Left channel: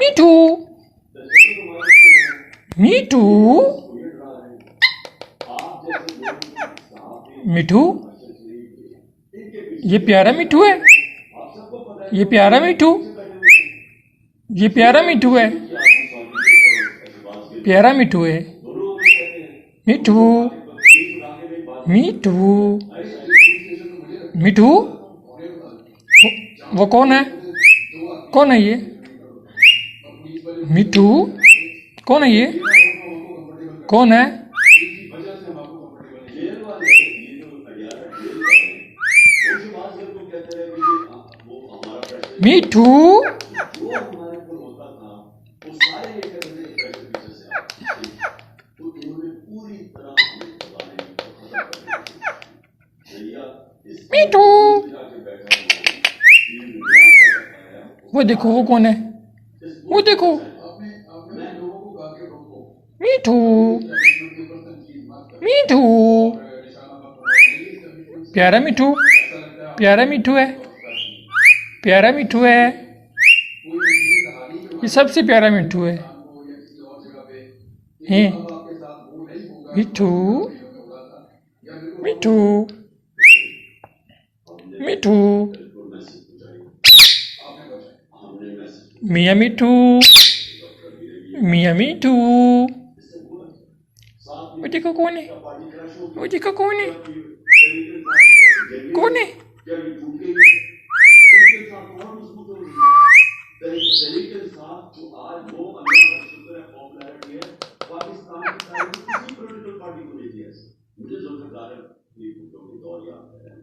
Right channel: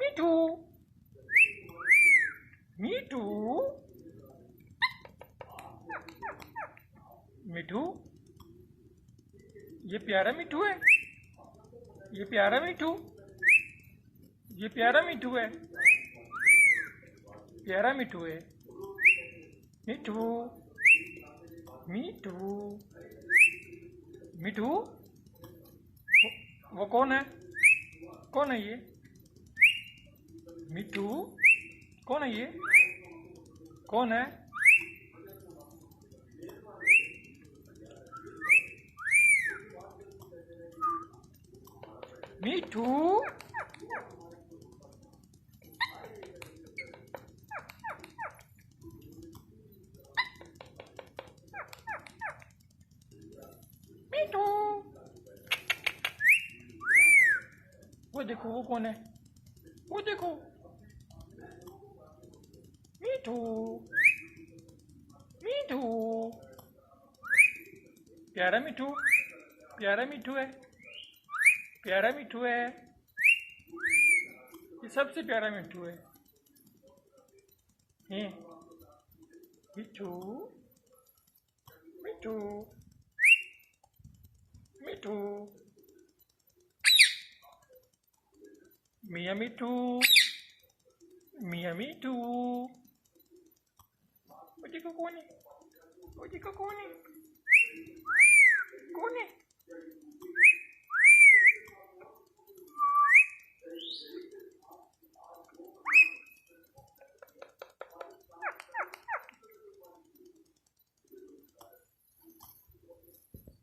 मिठू मिठू मिठू, ये प्यारा मिठू है, ये प्यारा मिठू, ये प्यारा मिठू है, प्यारा मिठू है। मिठू मिठू मिठू, वो कौन है? कौन है ये? मिठू कौन है ये? कौन है? मिठू मिठू, वो देखो वो कौन है, वो देखो मिठू मिठू, प्यारा मिठू, प्यारा मिठू है, प्यारा मिठू है, ये सबसे प्यारा मिठू है। हैं मिठू मिठू मिठू, मियाँ मिठू, मियाँ मिठू, वो देखो कौन है, वो देखो कौन है, कौन है?